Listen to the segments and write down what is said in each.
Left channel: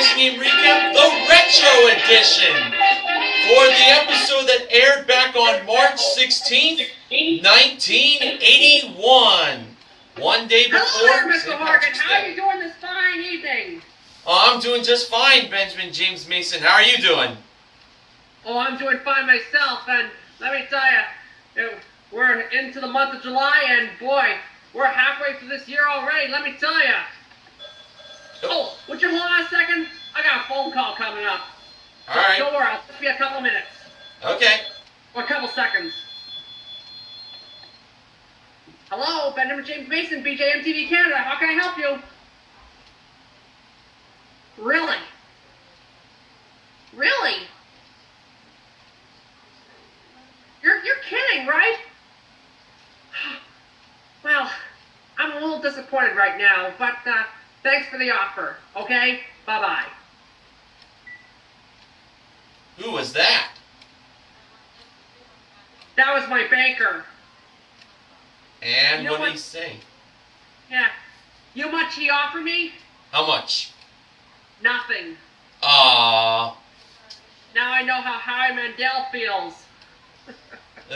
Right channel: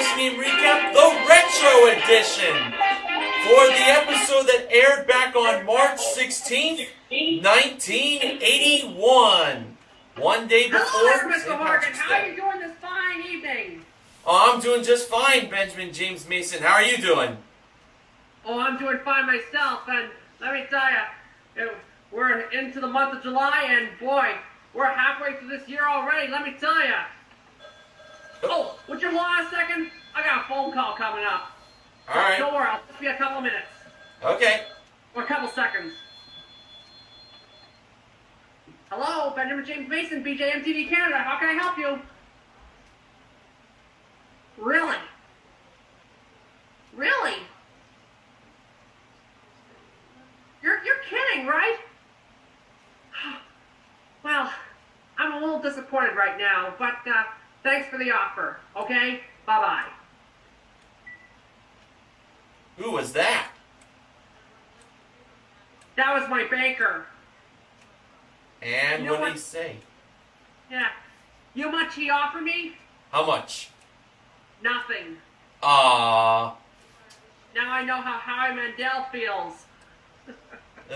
Pricing Game Recap, the Retro Edition, for the episode that aired back on March 16th, 1981. One day before... Hello there, Mr. Morgan. How are you doing this fine evening? Oh, I'm doing just fine, Benjamin James Mason. How are you doing? Oh, I'm doing fine myself, and let me tell you, we're into the month of July, and boy, we're halfway through this year already, let me tell you. Oh, would you hold on a second? I got a phone call coming up. All right. Don't worry, I'll just be a couple minutes. Okay. Or a couple seconds. Hello, Benjamin James Mason, BJMTV Canada. How can I help you? Really? Really? You're kidding, right? Well, I'm a little disappointed right now, but thanks for the offer, okay? Bye-bye. Who was that? That was my banker. And You know what did what? he say? Yeah. You know how much he offered me? How much? Nothing. Aww. Now I know how Howie Mandel feels.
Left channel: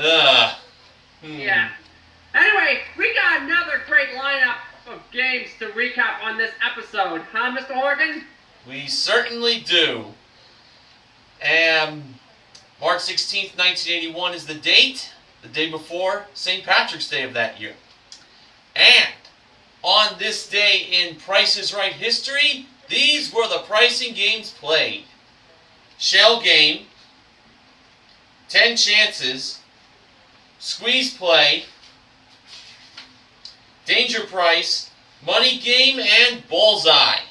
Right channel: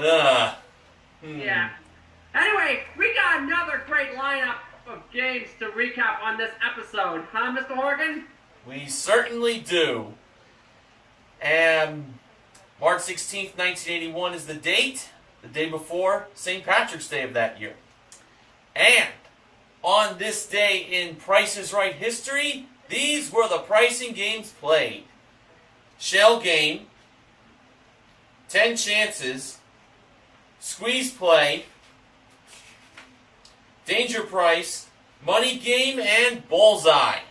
Ugh. Yeah. Anyway, we got another great lineup of games to recap on this episode, huh, Mr. Horgan? We certainly do. And March 16th, 1981 is the date before St. Patrick's Day of that year. And on this day in Price is Right history, these were the pricing games played. Shell Game, 10 Chances, Squeeze Play, Danger Price, Money Game, and Bullseye.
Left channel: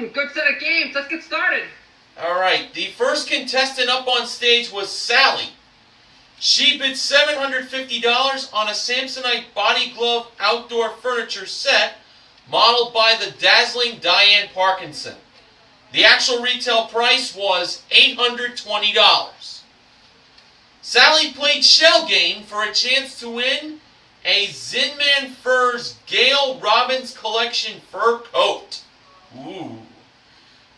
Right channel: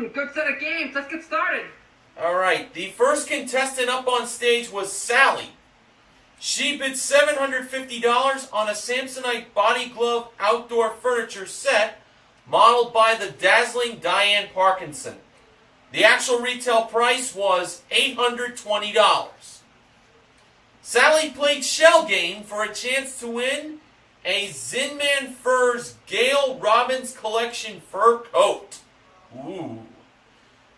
Good set of games. Let's get started. Alright, the first contestant up on stage was Sally. She bid $750 on a Samsonite body glove outdoor furniture set modeled by the dazzling Diane Parkinson. The actual retail price was $820. Sally played Shell Game for a chance to win a Zinman Furs Gail Robbins Collection fur coat. Ooh.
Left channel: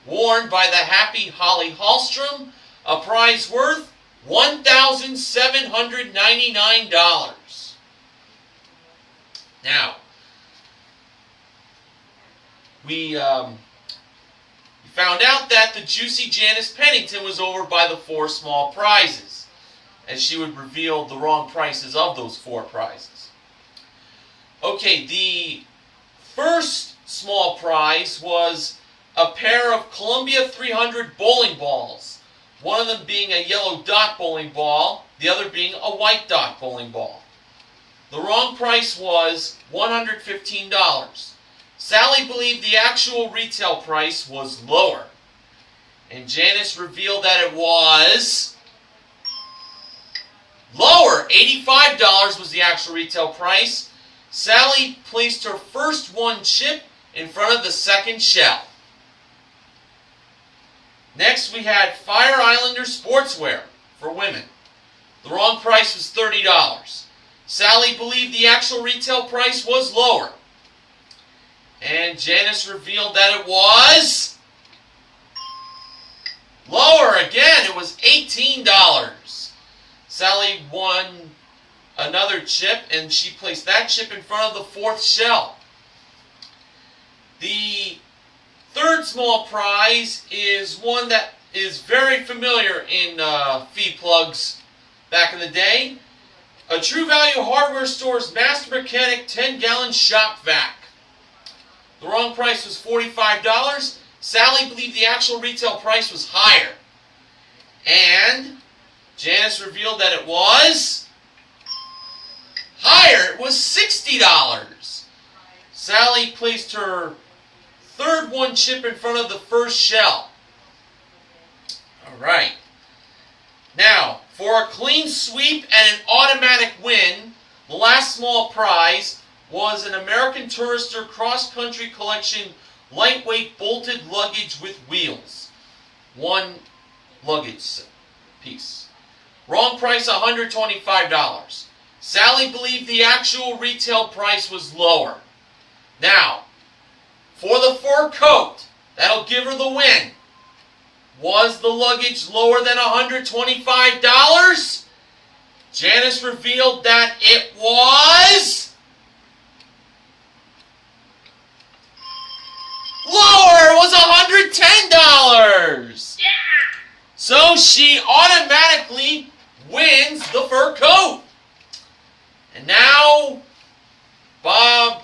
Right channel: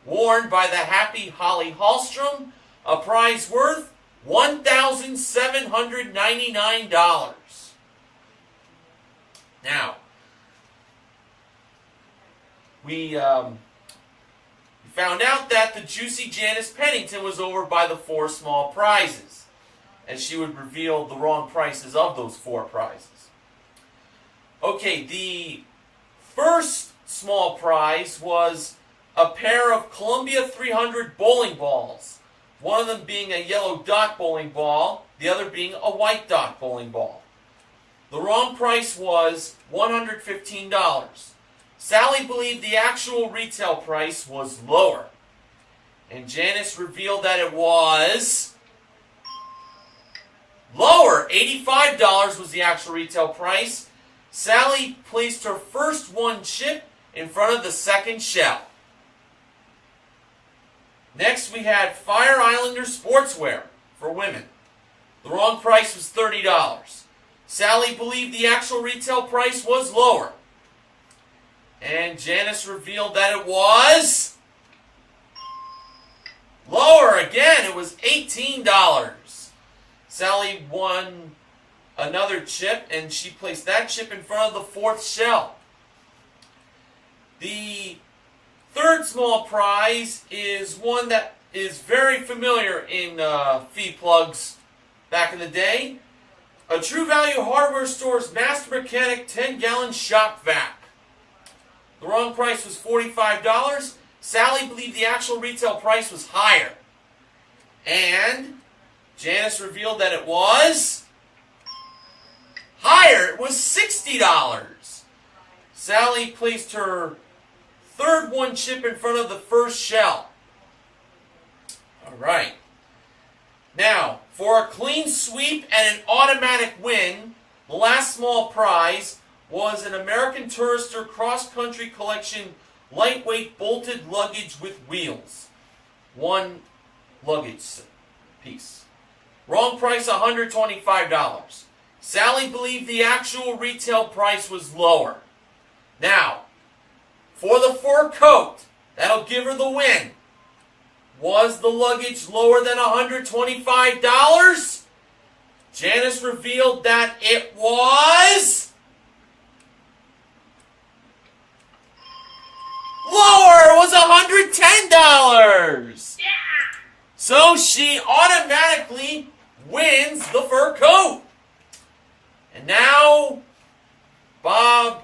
Worn by the happy Holly Hallstrom, a prize worth $1,799. Now, we found out that the juicy Janice Pennington was over by the 4 small prizes, as she would reveal the wrong prices of those 4 prizes. Okay, the first small prize was a pair of Columbia 300 bowling balls. One of them being a yellow dot bowling ball, the other being a white dot bowling ball. The wrong price was $115. Sally believed the actual retail price was lower, and Janice revealed that it was lower. $85 was the actual retail price. Sally placed her first 1 chip in front of the second shell. Next, we had Fire Islander sportswear for women. The wrong price was $30. Sally believed the actual retail price was lower. And Janice revealed that it was lower again. It was $18. Sally won another chip, and she placed that chip in front of the 4th shell. The third small prize is one that is very familiar in feed plugs back in the day. A True Value Hardware Store's Master Mechanic 10-gallon shop vac. The wrong price was $45. Sally believed the actual retail price was higher. And Janice revealed that it was higher. It was $60. Sally placed her third 1 chip in front of the first shell. Alright. Now, for a clean sweep and an automatic win, the last small prize was an American Tourister Cross Country Collection lightweight bolted luggage with wheels. 1 luggage piece. Wrong price, $125. Sally believed the actual retail price was lower. Now, for the fur coat, that'll give her the package lower than $125? Janice revealed that it was lower. It was $110. Yeah! So she automatically wins the fur coat. And now Bob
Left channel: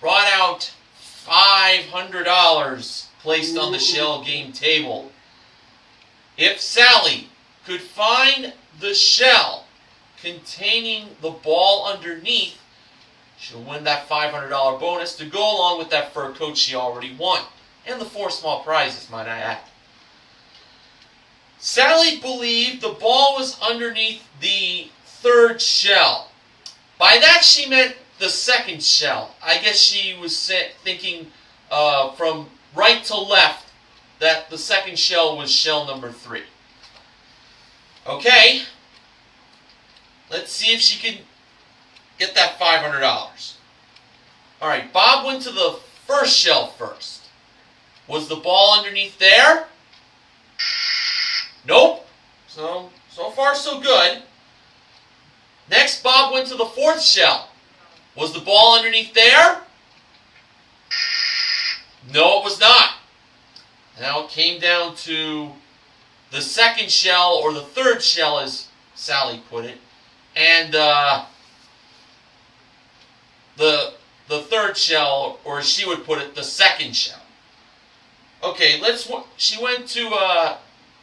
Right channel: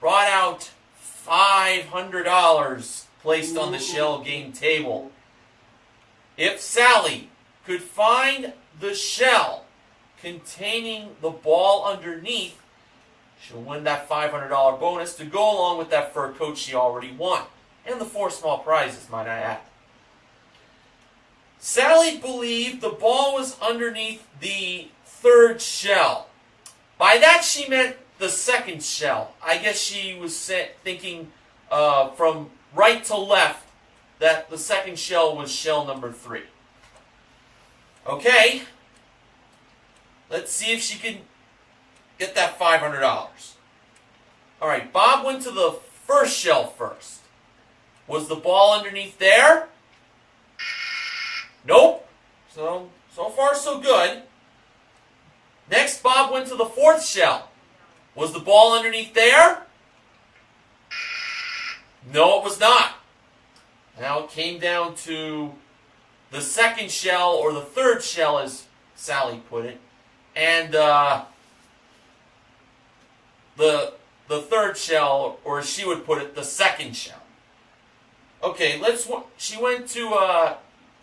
brought out $500 placed on the shell game table. If Sally could find the shell containing the ball underneath, she'll win that $500 bonus to go along with that fur coat she already won. And the 4 small prizes, might I add. Sally believed the ball was underneath the 3rd shell. By that she meant the 2nd shell. I guess she was thinking from right to left that the 2nd shell was shell number 3. Okay. Let's see if she can get that $500. Alright, Bob went to the 1st shell first. Was the ball underneath there? Nope. So far so good. Next, Bob went to the 4th shell. Was the ball underneath there? No, it was not. Now it came down to the 2nd shell, or the 3rd shell, as Sally put it, and the 3rd shell, or as she would put it, the 2nd shell. Okay,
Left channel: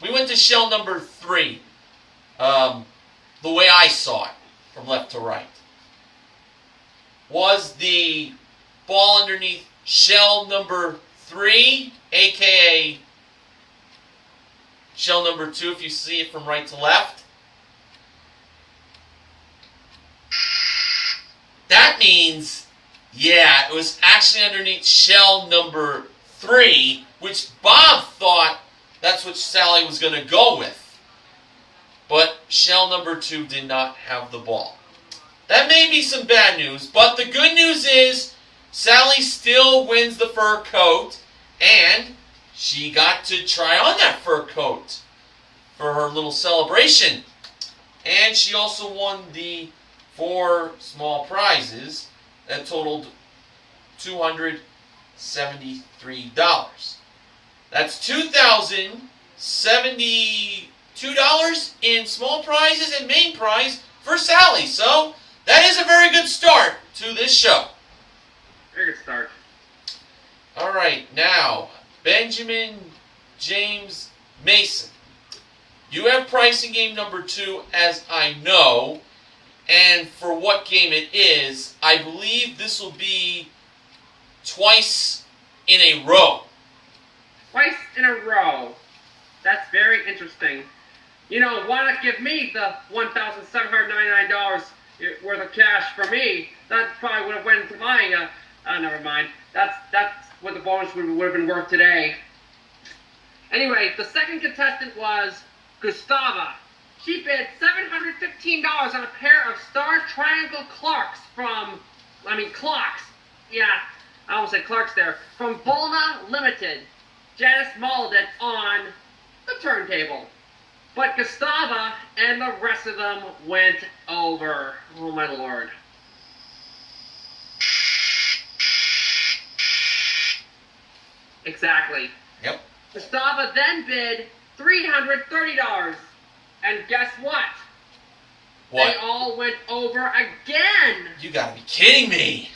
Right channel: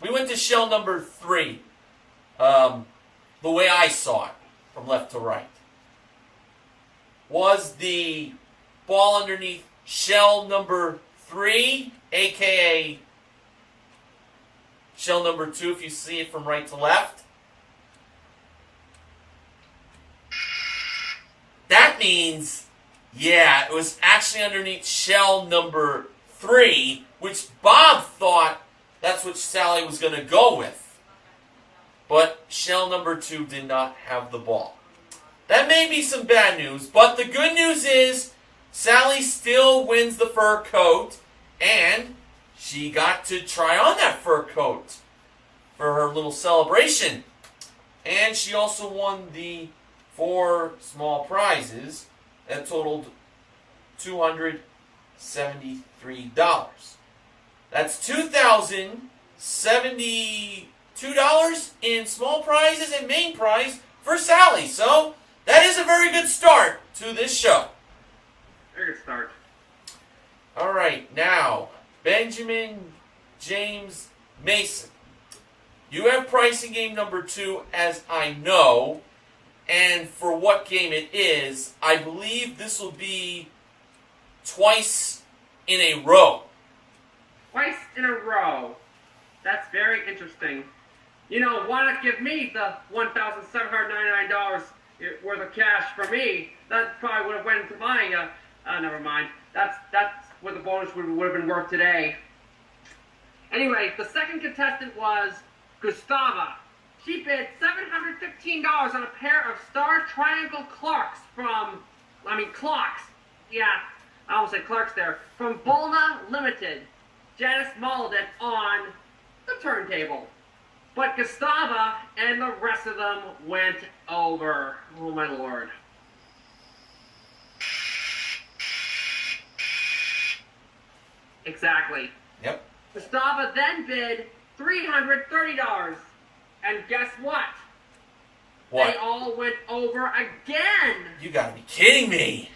we went to shell number 3, the way I saw it, from left to right. Was the ball underneath shell number 3, aka shell number 2 if you see it from right to left? That means, yeah, it was actually underneath shell number 3, which Bob thought that's what Sally was going to go with. But shell number 2 did not have the ball. That may be some bad news, but the good news is Sally still wins the fur coat, and she got to try on that fur coat for her little celebration. And she also won the 4 small prizes that totaled $273. That's $2,072 in small prizes and main prize for Sally. So that is a very good start to this show. Very good start. All right, now Benjamin James Mason. You have pricing game number 2, as I know, and for what game it is, I believe this will be twice in a row. Twice in a row. That's very interesting. You know, why not give me the $1,799 worth of cash for me? That probably would have went to my, never mind. That's what the bonus would have been worth today. Anyway, the second contestant was Gustava. She bid $715 on a pair of Star Triangle clocks clocks. Yeah, I almost said Clarks there. From Bulna Limited. Janice mauled it on the turntable. But Gustava and the rest of them went over. Oh my lord. Exactly. Yep. Gustava then bid $330. And guess what? What? They all went over again. You gotta be kidding me.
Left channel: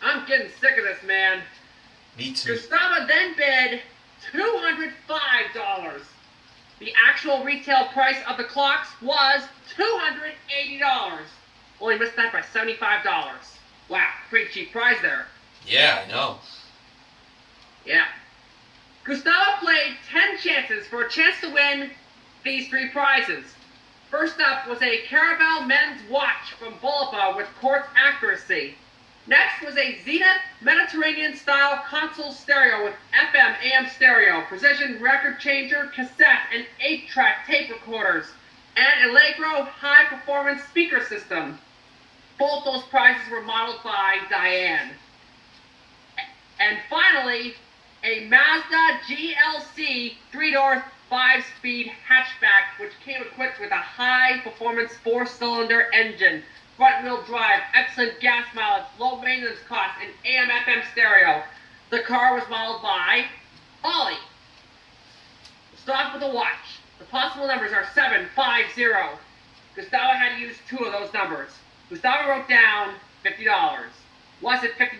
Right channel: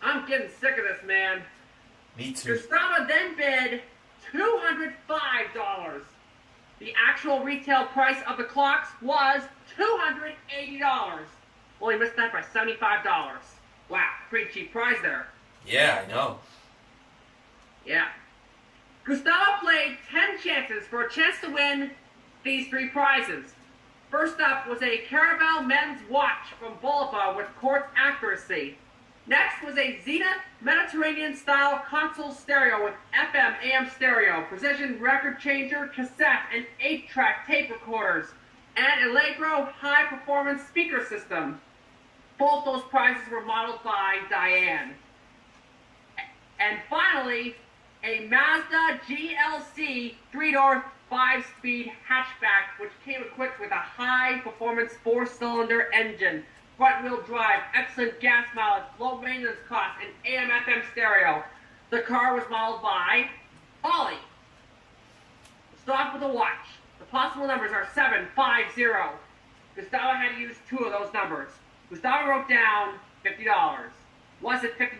I'm getting sick of this, man. Me too. Gustava then bid $205. The actual retail price of the clocks was $280. Only missed that by $75. Wow, pretty cheap prize there. Yeah, I know. Yeah. Gustavo played 10 chances for a chance to win these 3 prizes. First up was a Caramel men's watch from Bulba with quartz accuracy. Next was a Zenith Mediterranean-style console stereo with FM, AM stereo, precision record changer, cassette, and 8-track tape recorders, and Allegro high-performance speaker system. Both those prizes were modeled by Diane. And finally, a Mazda GLC 3-door 5-speed hatchback, which came equipped with a high-performance 4-cylinder engine, front-wheel drive, excellent gas mileage, low maintenance costs, and AM/FM stereo. The car was modeled by Holly. Start with the watch. The possible numbers are 750. Gustavo had to use 2 of those numbers. Gustavo wrote down $50. Was it $50?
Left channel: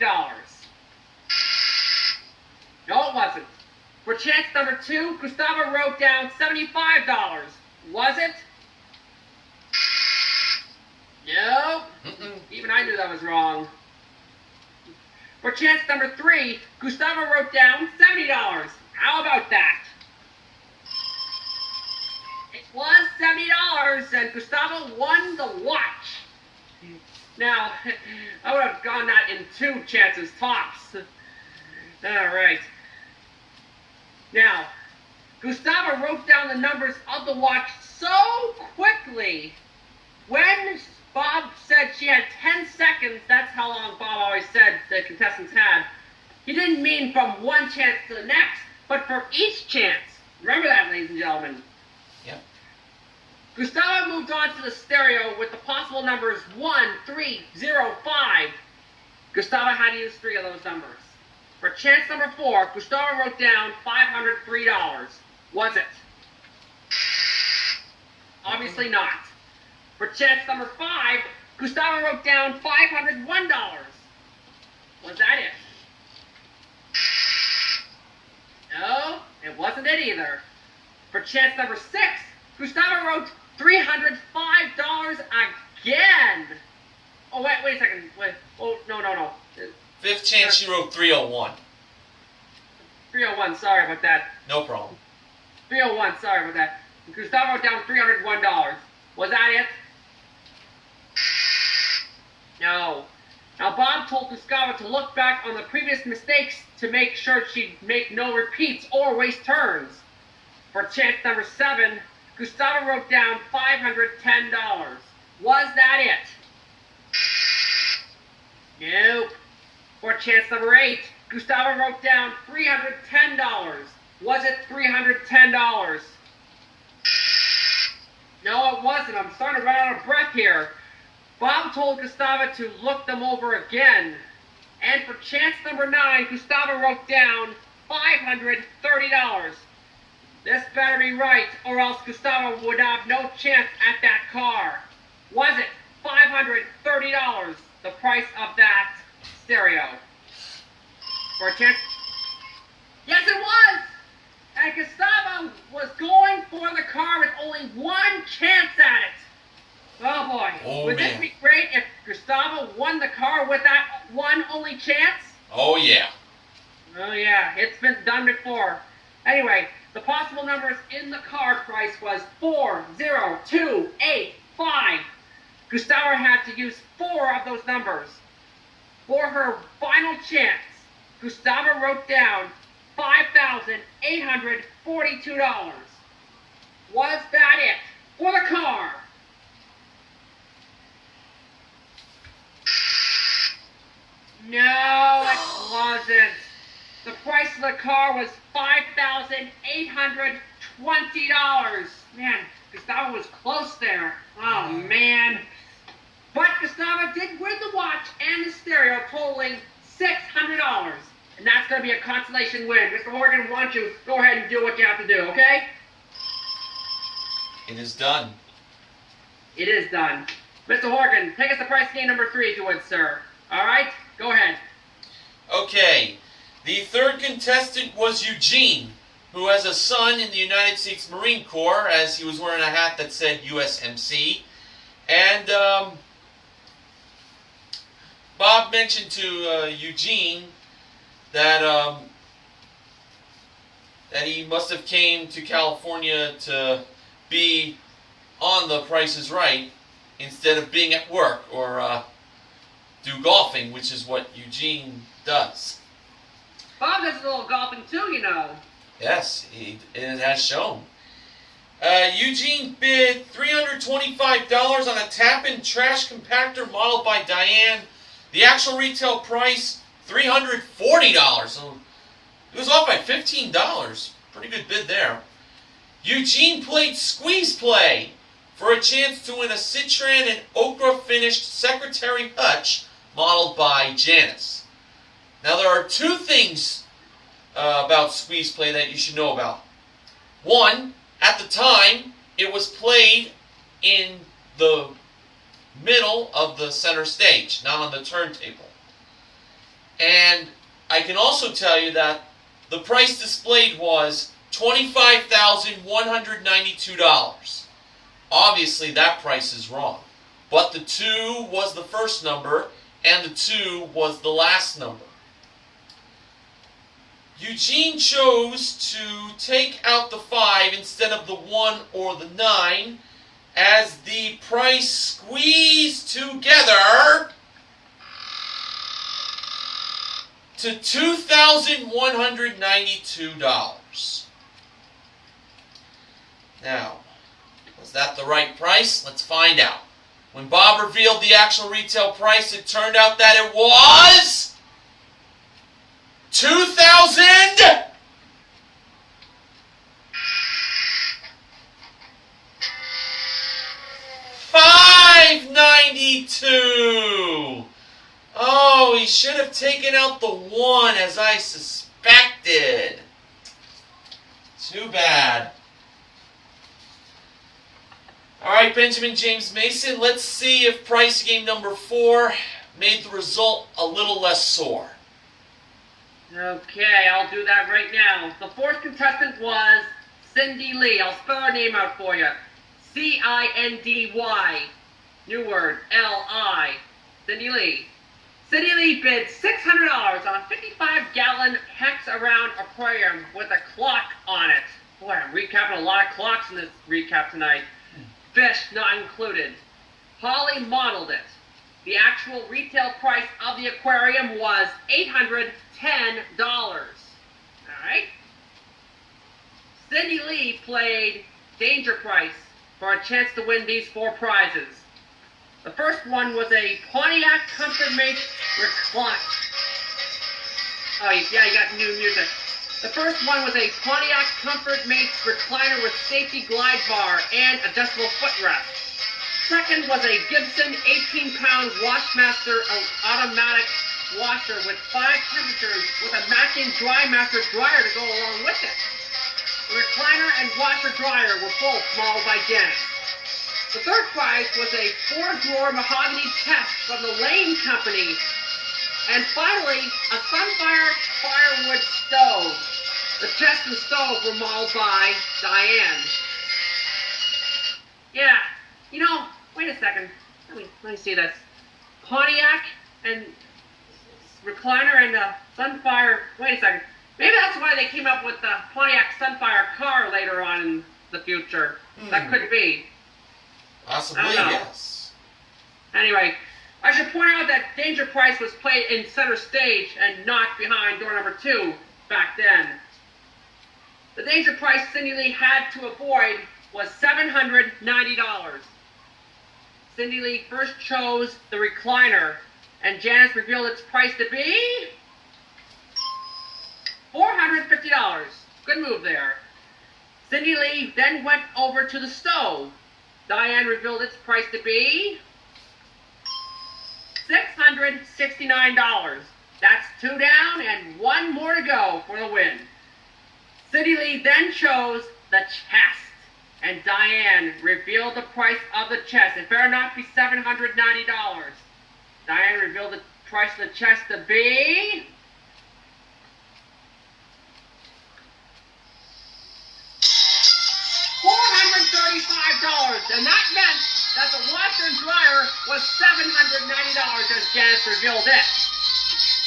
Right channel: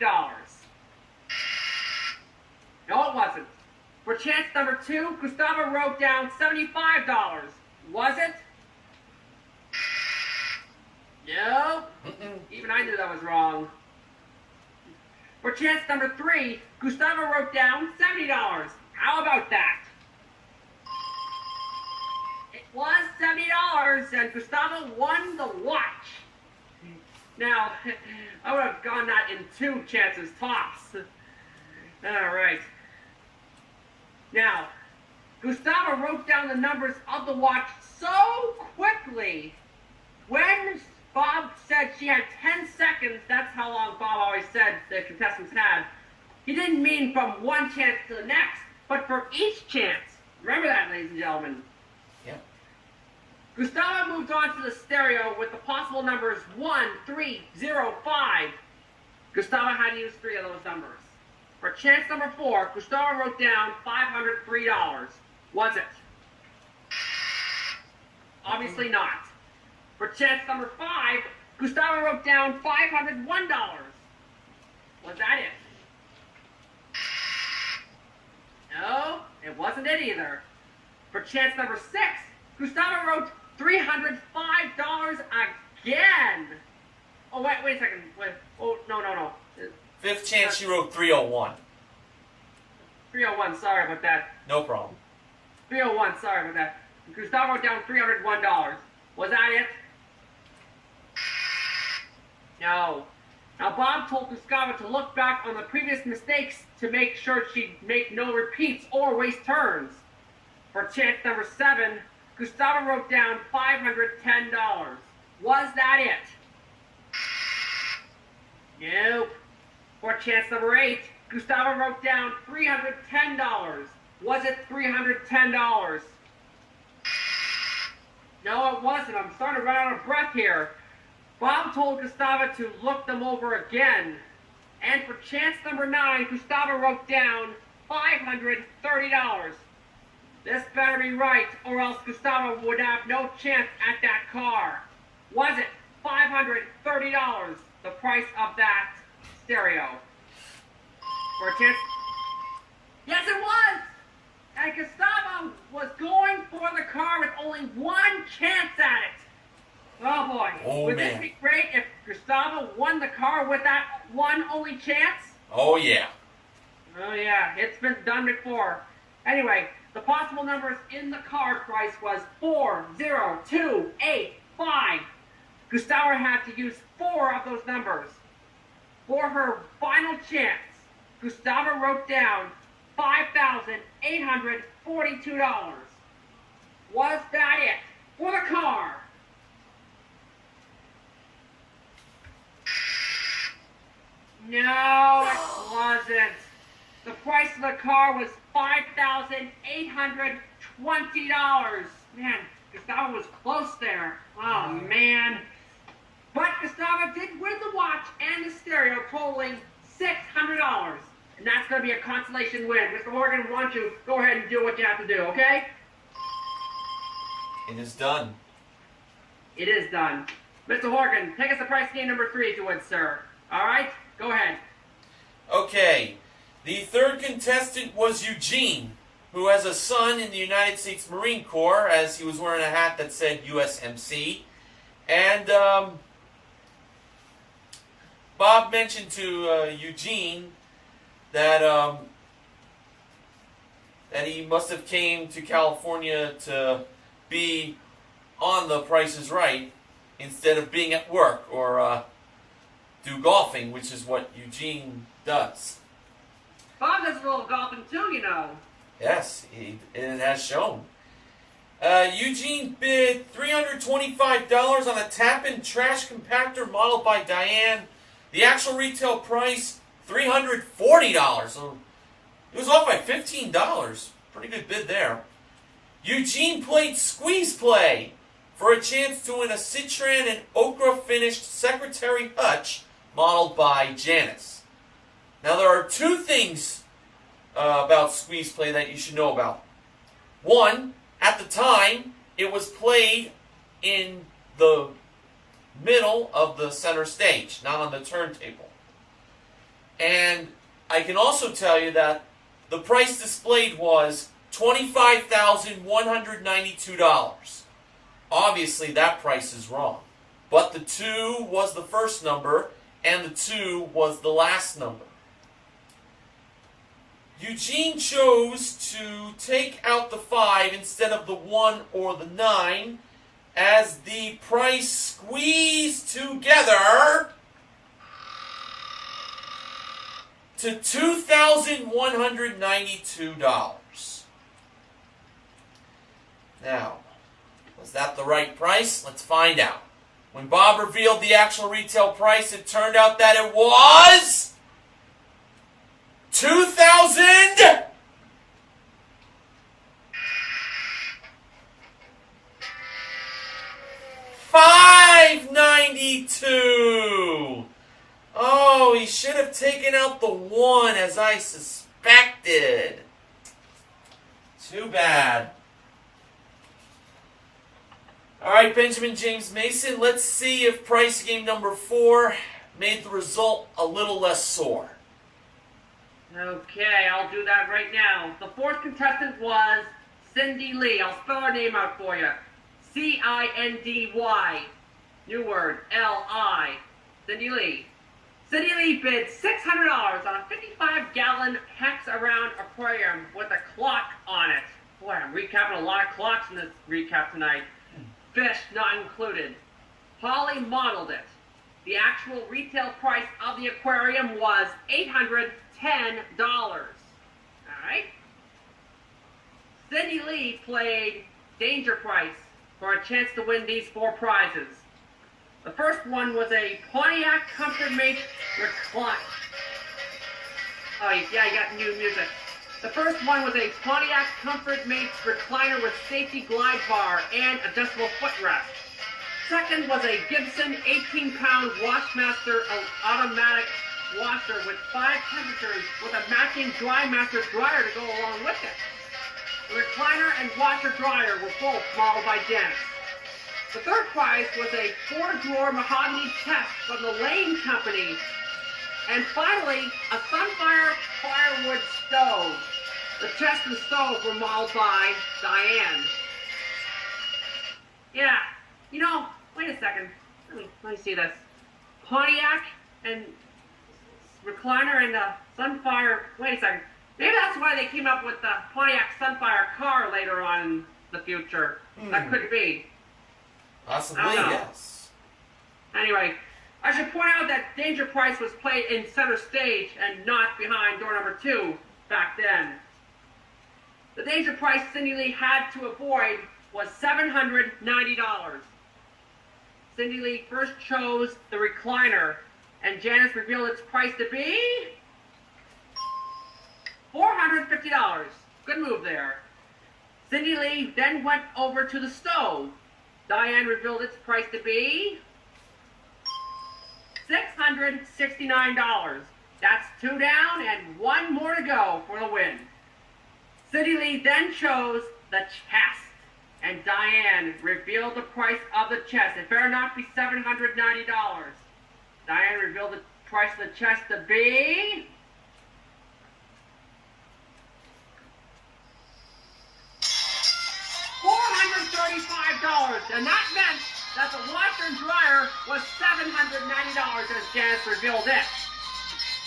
No, it wasn't. For chance number 2, Gustavo wrote down $75. Was it? No. Even I knew that was wrong. For chance number 3, Gustavo wrote down $70. How about that? It was $70, and Gustavo won the watch. Now, I would have gone that in 2 chances tops. All right. Now, Gustavo wrote down the numbers of the watch so quickly. When Bob said she had 10 seconds, that's how long Bob always said the contestants had. He didn't mean from one chance to the next, but for each chance. Remember that, ladies and gentlemen. Yeah. Gustavo moved on to the stereo with the possible numbers 1, 3, 0, 5. Gustavo had to use 3 of those numbers. For chance number 4, Gustavo wrote down $503. Was it? Obviously not. For chance number 5, Gustavo wrote down $501. Was that it? No, it wasn't it either. For chance number 6, Gustavo wrote $305 again. Oh, wait a second. Wait. Oh, no. 5th chance, she wrote 301. 301, sorry about that. No problem. 301, sorry about that. Gustavo wrote down $301. Was that it? No. Now, Bob told Gustavo to look back on the previous mistakes to make sure she'd make no repeats or waste turns. For chance number 7, Gustavo wrote down $510. Was that it? Nope. For chance number 8, Gustavo wrote down $310. Was it $310? No, it wasn't. I'm starting to run out of breath here. Bob told Gustavo to look them over again. And for chance number 9, Gustavo wrote down $530. This better be right, or else Gustavo would have no chance at that car. Was it $530, the price of that stereo? For a chance? Yes, it was! And Gustavo was going for the car with only 1 chance at it. Oh boy. Would this be great if Gustavo won the car with that one only chance? Oh, yeah. Oh, yeah. It's been done before. Anyway, the possible numbers in the card price was 4, 0, 2, 8, 5. Gustavo had to use 4 of those numbers. For her final chance, Gustavo wrote down $5,842. Was that it for the car? No, it wasn't. The price of the car was $5,820. Man, Gustavo was close there. Oh, man. But Gustavo did win the watch and the stereo, totaling $600. And that's going to be a consolation win. Mr. Horgan, why don't you go ahead and do what you have to do, okay? It is done. It is done. Mr. Horgan, take us to prize game number 3, if you would, sir. All right? Go ahead. Okay. The 3rd contestant was Eugene, who has a son in the United States Marine Corps, as he was wearing a hat that said USMC. And Bob mentioned to Eugene that he must have came to California to be on The Price is Right instead of being at work or do golfing, which is what Eugene does. Bob does a little golfing too, you know. Yes, it has shown. Eugene bid $325 on a tap-in trash compactor modeled by Diane. The actual retail price, $340. So it was off by $15. Pretty good bid there. Eugene played Squeeze Play for a chance to win a Citran and Okra finished Secretary Hutch modeled by Janice. Now there are two things about Squeeze Play that you should know about. One, at the time, it was played in the middle of the center stage, not on the turntable. And I can also tell you that the price displayed was $25,192. Obviously, that price is wrong. But the 2 was the first number, and the 2 was the last number. Eugene chose to take out the 5 instead of the 1 or the 9, as the price squeezed together to $2,192. Now, was that the right price? Let's find out. When Bob revealed the actual retail price, it turned out that it was $2,000. $592. Oh, he should have taken out the 1 as I suspected. Too bad. Alright, Benjamin James Mason, let's see if price game number 4 made the result a little less sore. Okay, I'll do that right now. The fourth contestant was Cindy Lee. I'll spell her name out for you. C-I-N-D-Y. New word, L-I. Cindy Lee. Cindy Lee bid $600 on a 55-gallon hex-around aquarium with a clock on it. Boy, I'm recapping a lot of clocks in this recap tonight. Fish not included. Holly modeled it. The actual retail price of the aquarium was $810. Alright? Cindy Lee played Danger Price for a chance to win these 4 prizes. The first one was a Pontiac Comfort Mate recline. Oh, yeah, you got new music. The first one was a Pontiac Comfort Mate recliner with safety glide bar and adjustable footrest. Second was a Gibson 18-pound Washmaster automatic washer with 5 temperatures with a matching Drymaster dryer to go along with it. The recliner and washer dryer were both modeled by Janice. The third prize was a 4-drawer mahogany chest from the Lane Company. And finally, a Sunfire firewood stove. The chest and stove were modeled by Diane. Yeah, you know, wait a second. Let me see this. Pontiac and recliner and Sunfire. Wait a second. Maybe that's why they came up with the Pontiac Sunfire car later on in the future. That could be. Possibly, I don't know. yes. Anyway, I should point out that Danger Price was played in center stage and not behind door number 2 back then. The Danger Price Cindy Lee had to avoid was $790. Cindy Lee first chose the recliner, and Janice revealed its price to be $450. Good move there. Cindy Lee then went over to the stove. Diane revealed its price to be $669. That's 2 down and 1 more to go for the win. Cindy Lee then chose the chest, and Diane revealed the price of the chest. It better not be $790. Diane revealed the price of the chest to be $435, and that meant that the washer and dryer was $790 as Janice revealed it.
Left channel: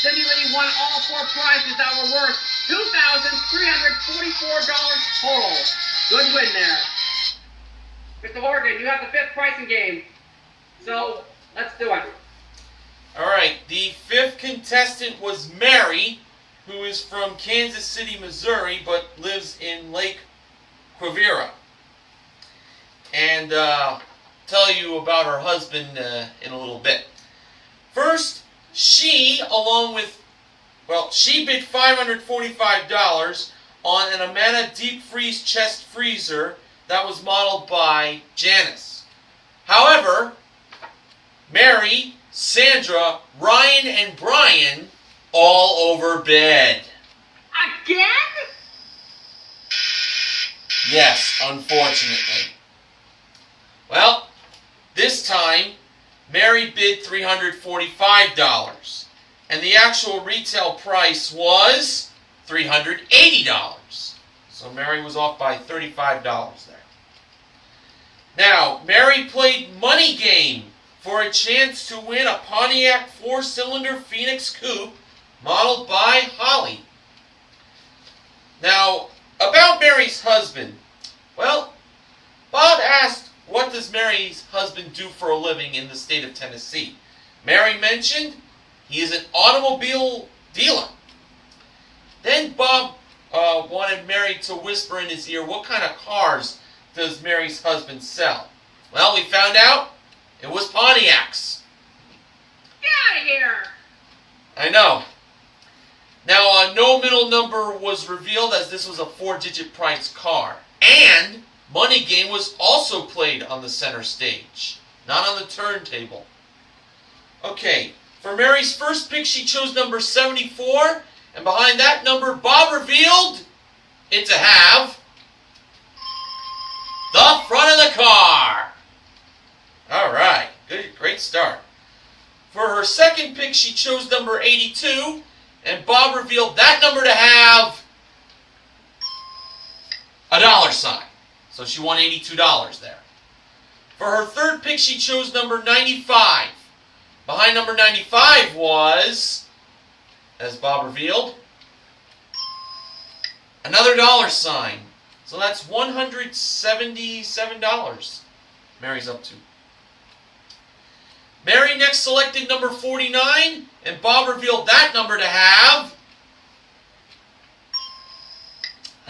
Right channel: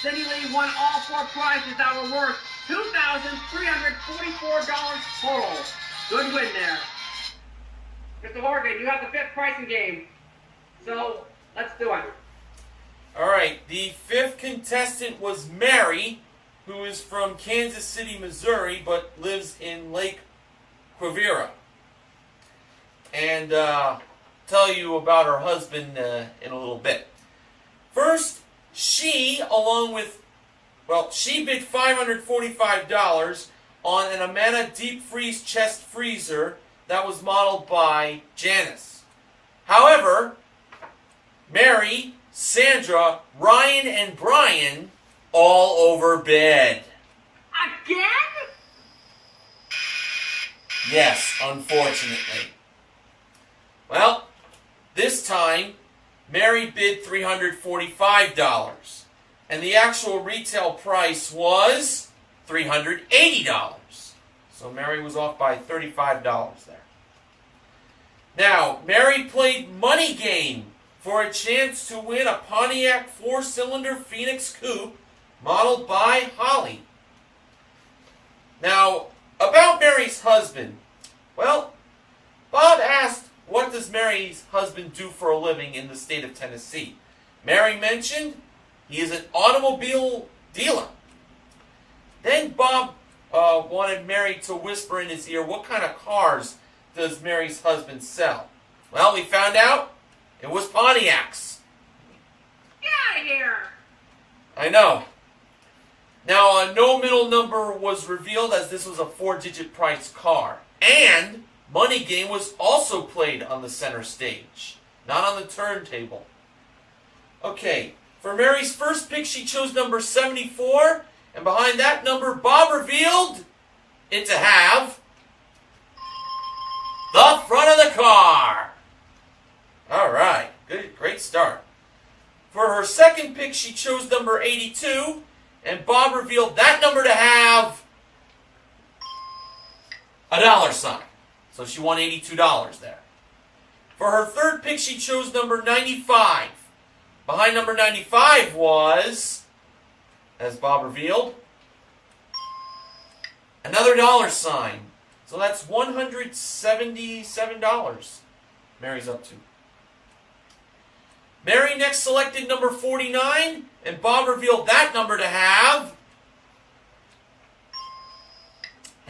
Cindy Lee won all 4 prizes that were worth $2,344 total. Good win there. Mr. Horgan, you have the 5th pricing game, so let's do it. Alright, the 5th contestant was Mary, who is from Kansas City, Missouri, but lives in Lake Quivira. And tell you about her husband in a little bit. First, she, along with $545 on an Amana deep freeze chest freezer that was modeled by Janice. However, Mary, Sandra, Ryan, and Brian all over bed. Again? Yes, unfortunately. Well, this time, Mary bid $345, and the actual retail price was $380. So Mary was off by $35 there. Now, Mary played Money Game for a chance to win a Pontiac 4-cylinder Phoenix Coupe modeled by Holly. Now, about Mary's husband. Well, Bob asked, what does Mary's husband do for a living in the state of Tennessee? Mary mentioned he is an automobile dealer. Then Bob wanted Mary to whisper in his ear, what kind of cars does Mary's husband sell? Well, we found out it was Pontiacs. Get out of here! I know. Now, no middle number was revealed as this was a 4-digit price car. And Money Game was also played on the center stage, not on the turntable. Okay, for Mary's first pick, she chose number 74, and behind that number, Bob revealed it to have the front of the car. All right, good, great start. For her second pick, she chose number 82, and Bob revealed that number to have a dollar sign. So she won $82 there. For her third pick, she chose number 95. Behind number 95 was, as Bob revealed, another dollar sign. So that's $177 Mary's up to. Mary next selected number 49, and Bob revealed that number to have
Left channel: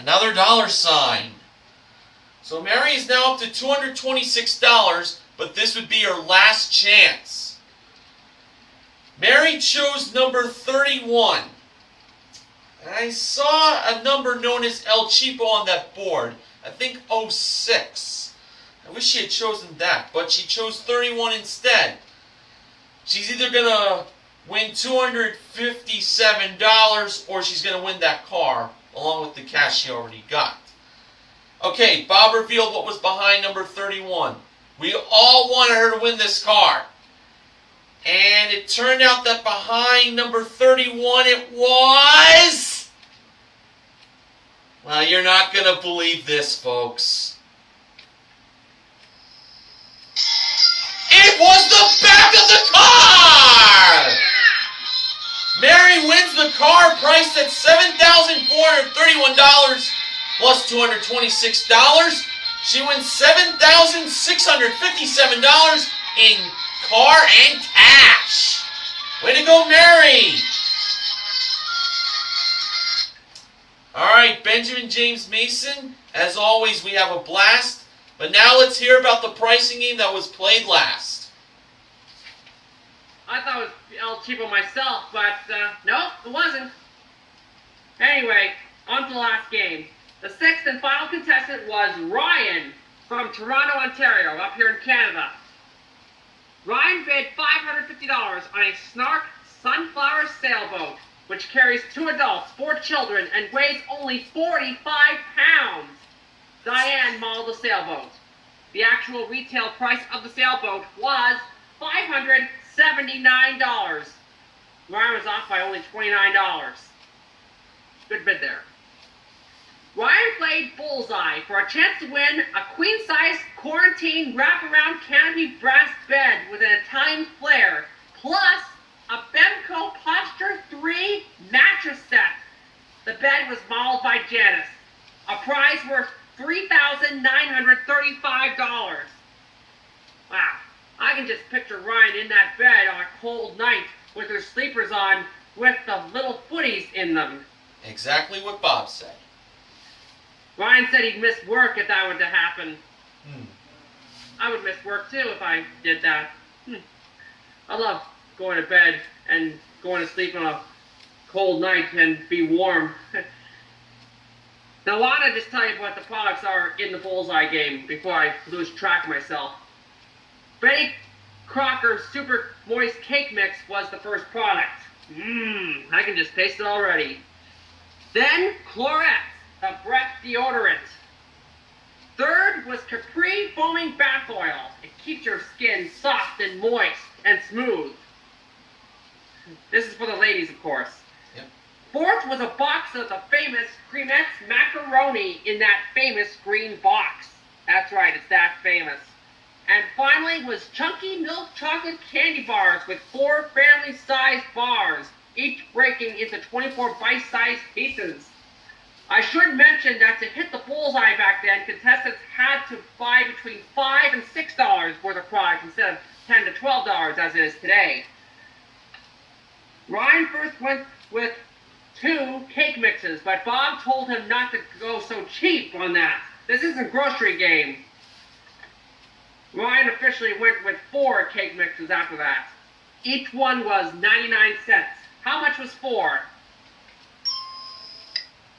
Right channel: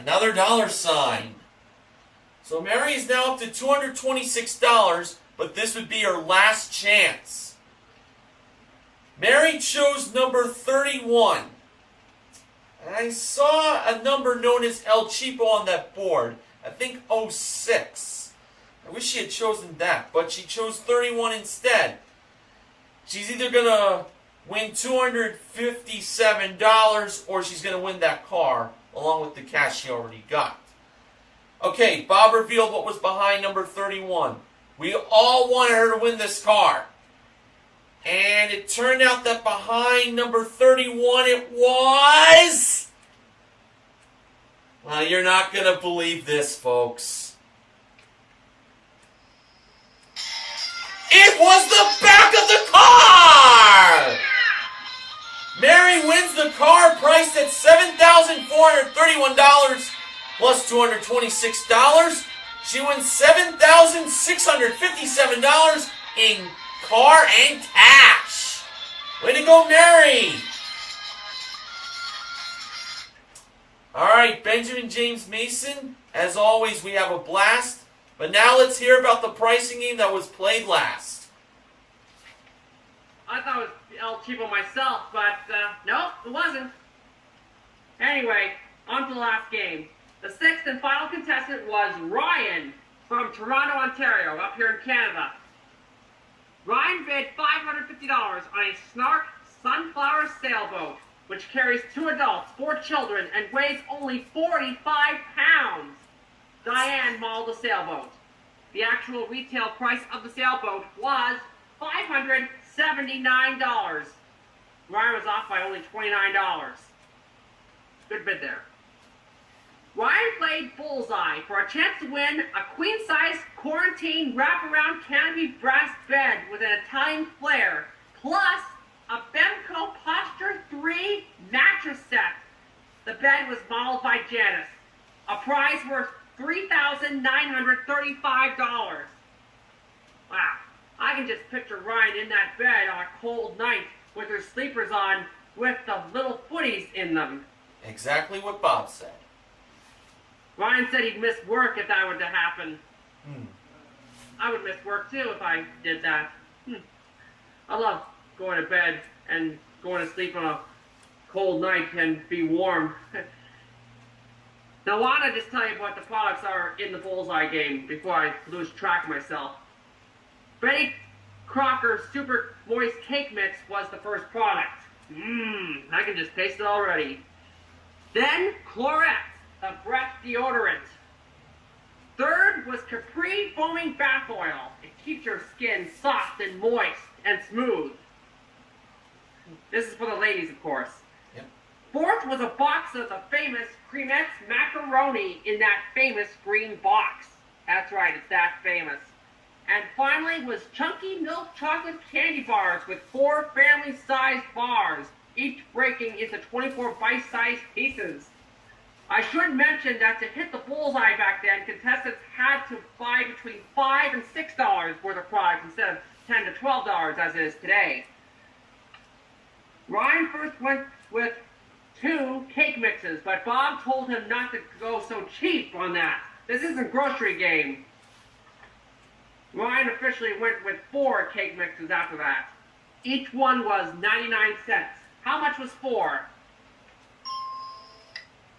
another dollar sign. So Mary is now up to $226, but this would be her last chance. Mary chose number 31. I saw a number known as El Cheapo on that board. I think 06. I wish she had chosen that, but she chose 31 instead. She's either going to win $257 or she's going to win that car along with the cash she already got. Okay, Bob revealed what was behind number 31. We all wanted her to win this car. And it turned out that behind number 31 it was... Well, you're not going to believe this, folks. It was the back of the car! Mary wins the car priced at $7,431 plus $226. She wins $7,657 in car and cash. Way to go, Mary! Alright, Benjamin James Mason, as always, we have a blast. But now let's hear about the pricing game that was played last. I thought it was El Cheapo myself, but nope, it wasn't. Anyway, on to the last game. The sixth and final contestant was Ryan from Toronto, Ontario, up here in Canada. Ryan bid $550 on a Snark Sunflower sailboat, which carries 2 adults, 4 children, and weighs only 45 pounds. Diane modeled the sailboat. The actual retail price of the sailboat was $579. Ryan was off by only $29. Good bid there. Ryan played Bullseye for a chance to win a queen-size quarantine wraparound canopy brass bed with an Italian flair, plus a Bemco Posture 3 mattress set. The bed was modeled by Janice. A prize worth $3,935. Wow, I can just picture Ryan in that bed on a cold night with her sleepers on with the little footies in them. Exactly what Bob said. Ryan said he'd miss work if that were to happen. I would miss work too if I did that. I love going to bed and going to sleep on a cold night and be warm. Now, why don't I just tell you what the products are in the bullseye game before I lose track of myself? Betty Crocker's Super Moist Cake Mix was the first product. I can just taste it already. Then, Clorette, the breath deodorant. Third was Capri Foaming Bath Oil. It keeps your skin soft and moist and smooth. This is for the ladies, of course. Fourth was a box of the famous Cremettes macaroni in that famous green box. That's right, it's that famous. And finally was chunky milk chocolate candy bars with 4 family-sized bars, each breaking into 24 bite-sized pieces. I should mention that to hit the bullseye back then, contestants had to buy between $5 and $6 worth of products instead of $10 to $12 as it is today. Ryan first went with 2 cake mixes, but Bob told him not to go so cheap on that. This isn't a grocery game. Ryan officially went with 4 cake mixes after that. Each one was 99 cents. How much was 4?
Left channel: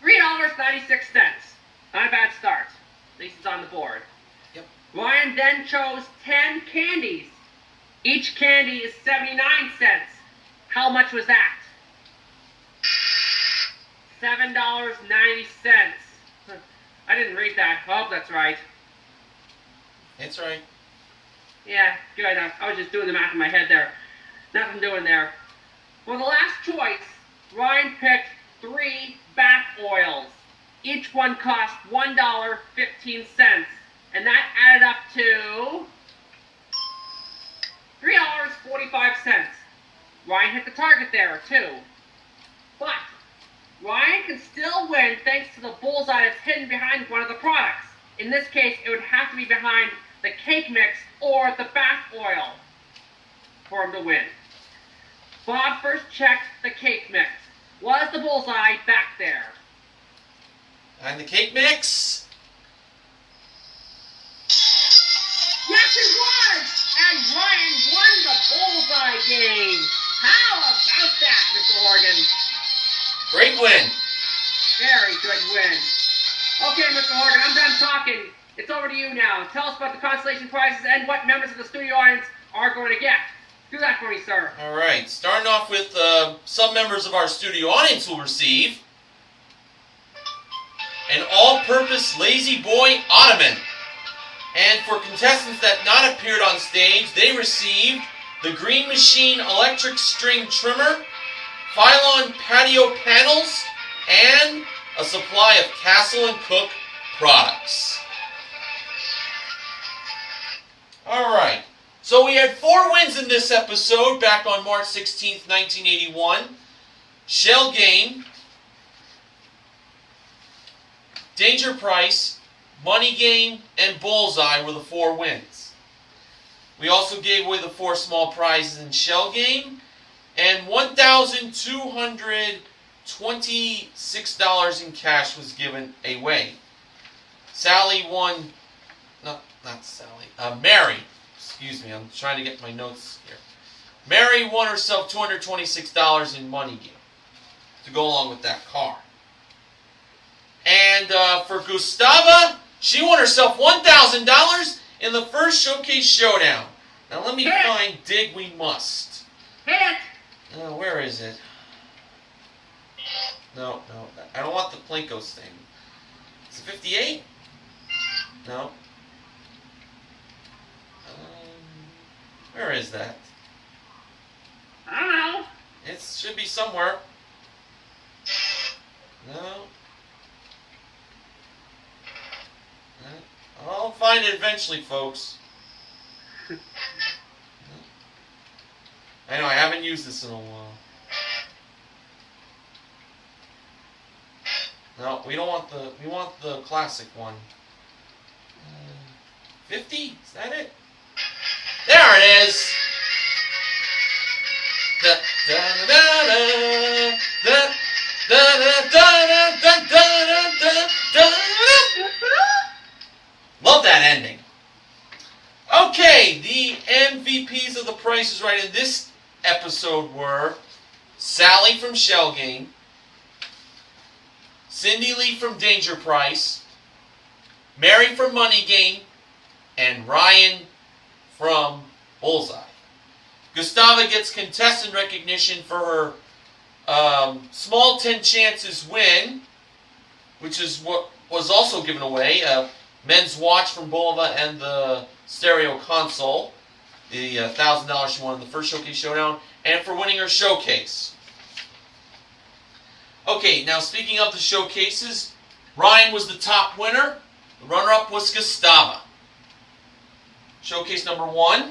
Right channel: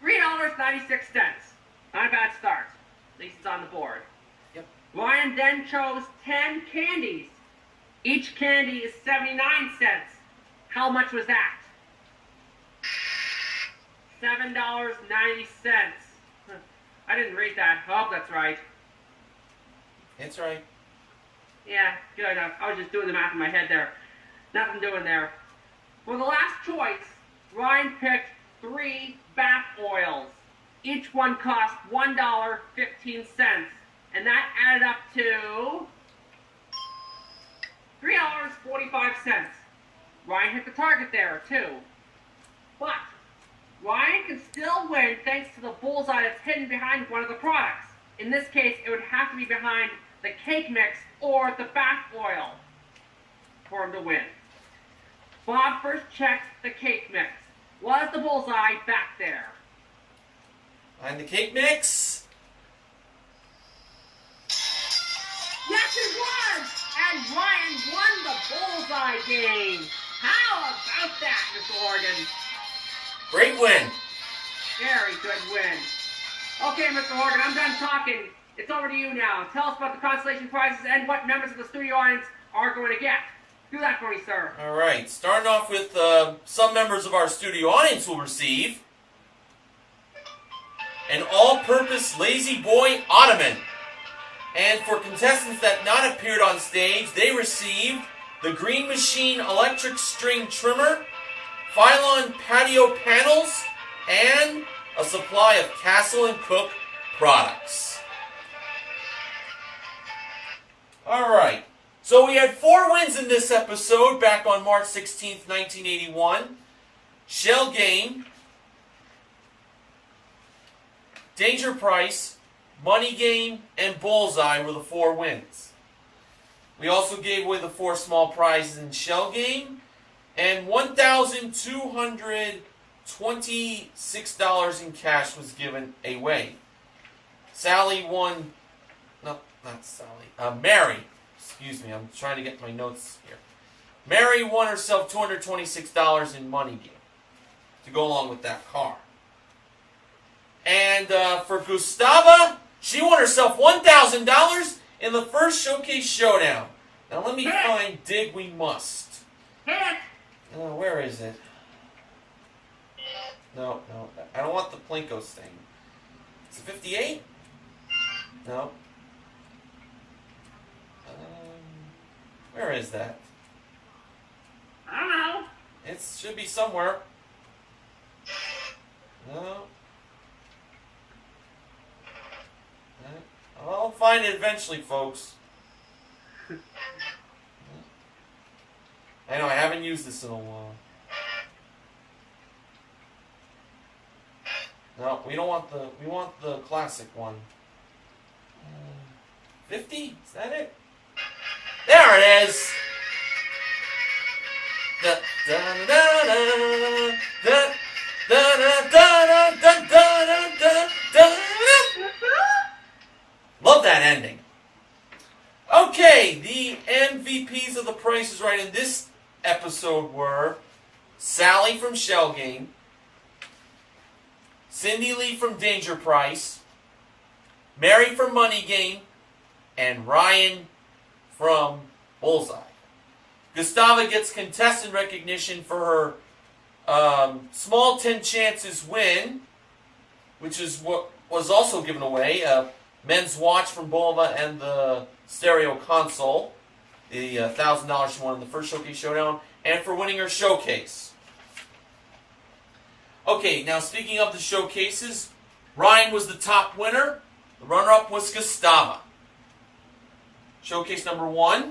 $3.96. Not a bad start. At least it's on the board. Yep. Ryan then chose 10 candies. Each candy is 79 cents. How much was that? $7.90. I didn't read that. I hope that's right. It's right. Yeah, good. I was just doing the math in my head there. Nothing doing there. For the last choice, Ryan picked 3 bath oils. Each one cost $1.15, and that added up to $3.45. Ryan hit the target there, too. But Ryan can still win thanks to the bullseye that's hidden behind one of the products. In this case, it would have to be behind the cake mix or the bath oil for him to win. Bob first checked the cake mix. Was the bullseye back there? Behind the cake mix? Yes, it was! And Ryan won the bullseye game. How about that, Mr. Horgan? Great win. Very good win. Okay, Mr. Horgan, I'm done talking. It's over to you now. Tell us about the consolation prizes and what members of the studio audience are going to get. Do that for me, sir. All right. Starting off with some members of our studio audience will receive an all-purpose Lazy Boy Ottoman. And for contestants that not appeared on stage, they received the Green Machine electric string trimmer, Phylon patio panels, and a supply of Castle & Cook products. All right. So we had 4 wins in this episode back on March 16th, 1981. Shell Game, Danger Price, Money Game, and Bullseye were the 4 wins. We also gave away the 4 small prizes in Shell Game, and $1,226 in cash was given away. Sally won, no, not Sally, Mary, excuse me, I'm trying to get my notes here. Mary won herself $226 in money to go along with that car. And for Gustava, she won herself $1,000 in the first Showcase Showdown. Now let me find Dig We Must. Where is it? No, I don't want the Plinko's thing. Is it 58? No. Where is that? I don't know. It should be somewhere. No. I'll find it eventually, folks. I know, I haven't used this in a while. No, we don't want we want the classic one. 50? Is that it? There it is! Da, da, da, da, da, da, da, da, da, da, da, da. Love that ending. Okay, the MVPs of The Price is Right in this episode were Sally from Shell Game, Cindy Lee from Danger Price, Mary from Money Game, and Ryan from Bullseye. Gustava gets contestant recognition for her small 10 chances win, which is what was also given away, a men's watch from Bulova and the stereo console, the $1,000 she won in the first Showcase Showdown, and for winning her showcase. Okay, now speaking of the showcases, Ryan was the top winner. The runner-up was Gustava. Showcase number 1.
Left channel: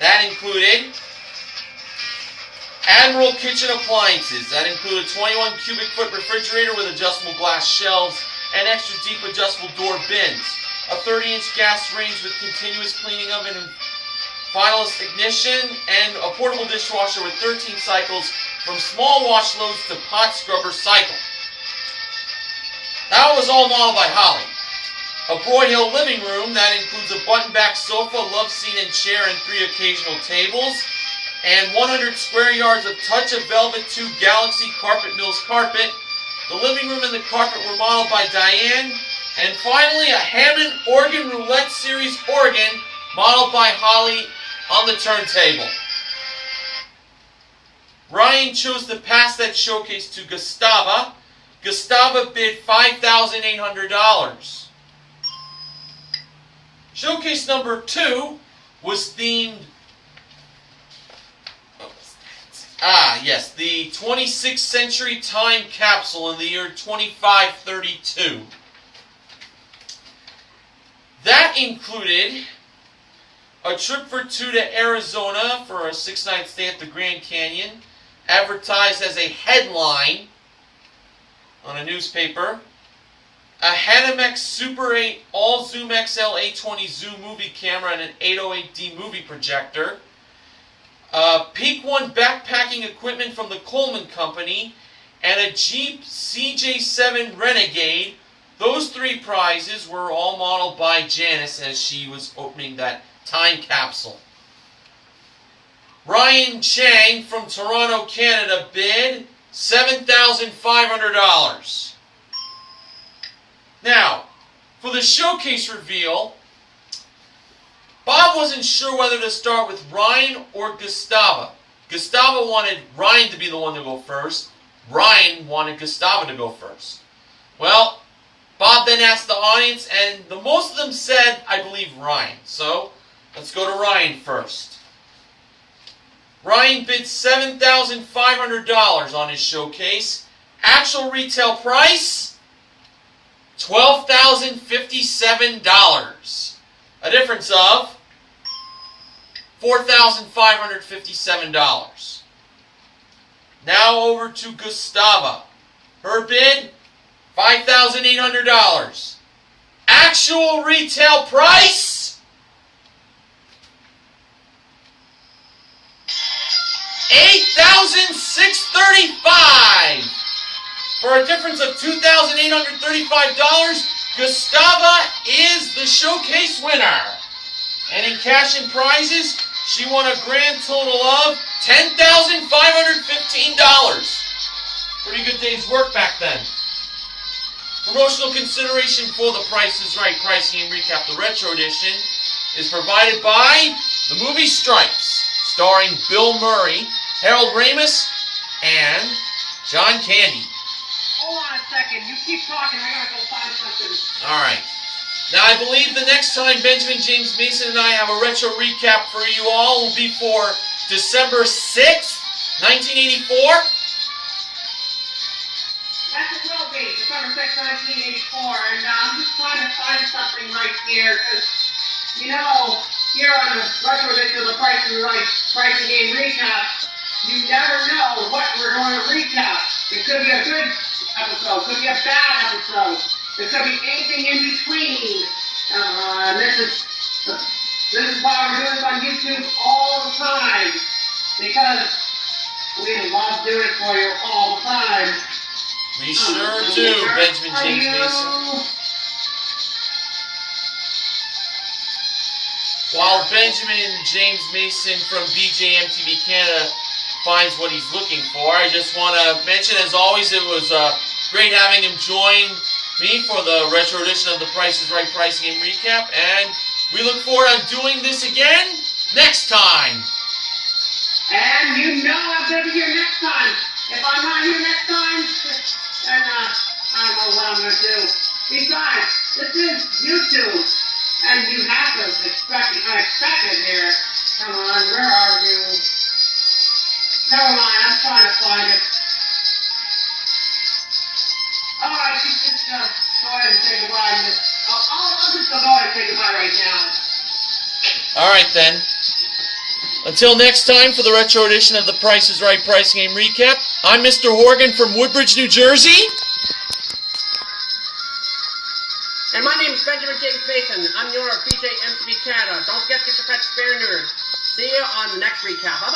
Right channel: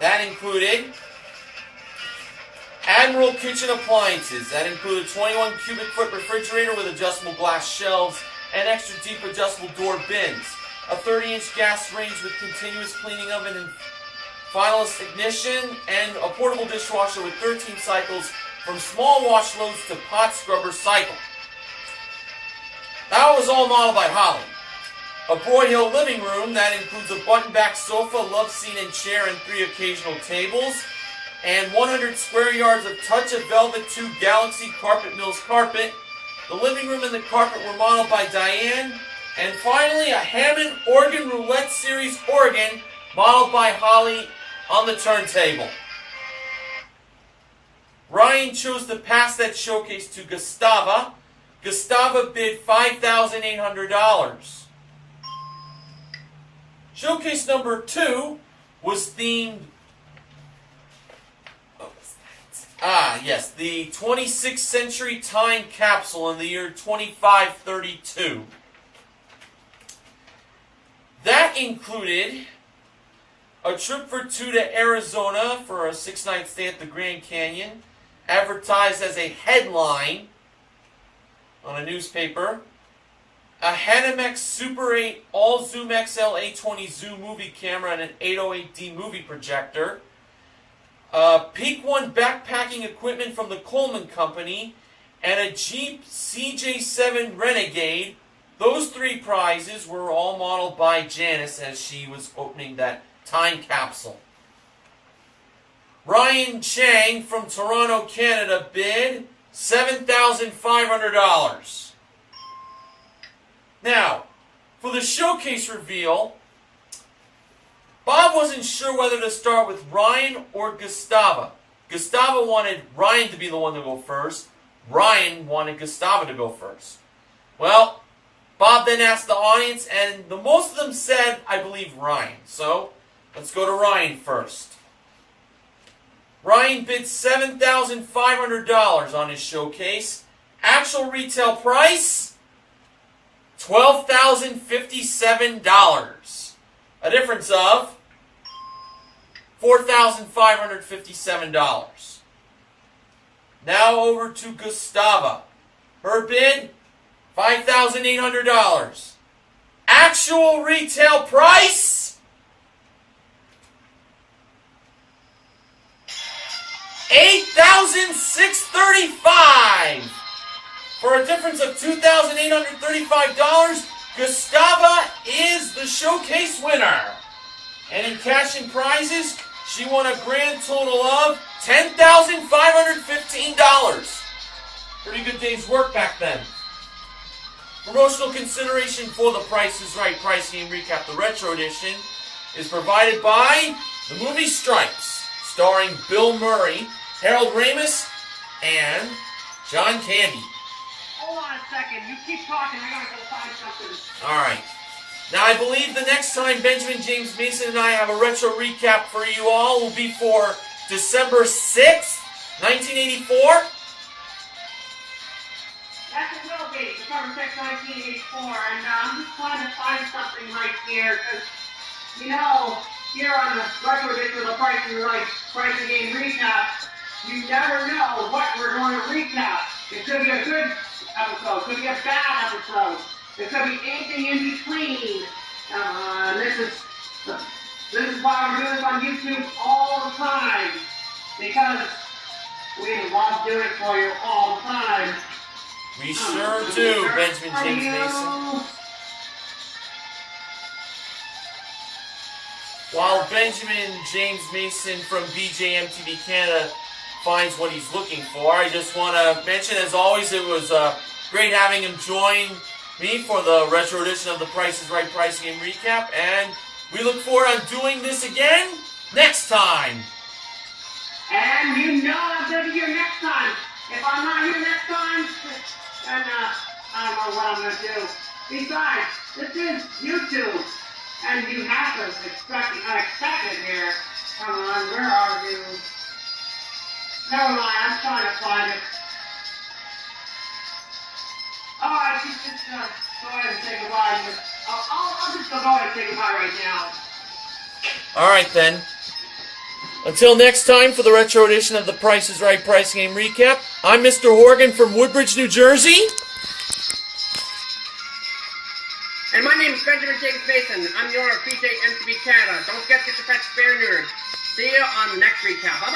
That included Admiral Kitchen Appliances. That included 21 cubic foot refrigerator with adjustable glass shelves and extra deep adjustable door bins. A 30-inch gas range with continuous cleaning oven and fineless ignition, and a portable dishwasher with 13 cycles from small wash loads to pot scrubber cycle. That was all modeled by Holly. A Broyhill living room that includes a button-back sofa, love seat and chair, and 3 occasional tables, and 100 square yards of Touch of Velvet 2 Galaxy Carpet Mills carpet. The living room and the carpet were modeled by Diane, and finally a Hammond Organ Roulette Series organ modeled by Holly on the turntable. Ryan chose to pass that showcase to Gustava. Gustava bid $5,800. Showcase number 2 was themed, the 26th century time capsule in the year 2532. That included a trip for 2 to Arizona for a 6-night stay at the Grand Canyon, advertised as a headline on a newspaper. A Hanamex Super 8 All Zoom XL A20 Zoom movie camera and an 808D movie projector. Peak 1 backpacking equipment from the Coleman Company, and a Jeep CJ7 Renegade. Those 3 prizes were all modeled by Janice as she was opening that time capsule. Ryan Chang from Toronto, Canada bid $7,500. Now, for the showcase reveal, Bob wasn't sure whether to start with Ryan or Gustava. Gustava wanted Ryan to be the one to go first. Ryan wanted Gustava to go first. Well, Bob then asked the audience, and the most of them said, I believe, Ryan. So, let's go to Ryan first. Ryan bid $7,500 on his showcase. Actual retail price, $12,057. A difference of $4,557. Now over to Gustava. Her bid, $5,800. Actual retail price, $8,635. For a difference of $2,835, Gustava is the showcase winner. And in cash and prizes, she won a grand total of $10,515. Pretty good day's work back then. Promotional consideration for The Price is Right pricing and recap, the retro edition, is provided by the movie Stripes, starring Bill Murray, Harold Ramis, and John Candy. Hold on a second. You keep talking. I gotta go find something. All right. Now, I believe the next time Benjamin James Mason and I have a retro recap for you all will be for December 6th, 1984. That's a real date, December 6th, 1984. And I'm just trying to find something right here, because, you know, here on the retro edition of The Price is Right pricing game recap, you never know what we're going to recap. It could be a good episode, could be a bad episode. There could be anything in between. This is why we're doing this on YouTube all the time. Because we love doing it for you all the time. We sure do, Benjamin James Mason. while Benjamin James Mason from BJMTV Canada finds what he's looking for. I just want to mention, as always, it was great having him join me for the retro edition of the Price is Right Price Game Recap, and we look forward to doing this again next time. And you know I'm going to be here next time. If I'm not here next time, then I don't know what I'm going to do. Besides, this is YouTube, and you have to expect the unexpected here. Come on, where are you? Never mind, I'm trying to find it. Alright, you just go ahead and say goodbye. I'll just go ahead and say goodbye right now. Alright then. Until next time for the retro edition of the Price is Right Price Game Recap, I'm Mr. Horgan from Woodbridge, New Jersey. And my name is Benjamin James Mason. I'm the owner of BJ MTV Canada. Don't get the pet spare neutered. See you on the next recap.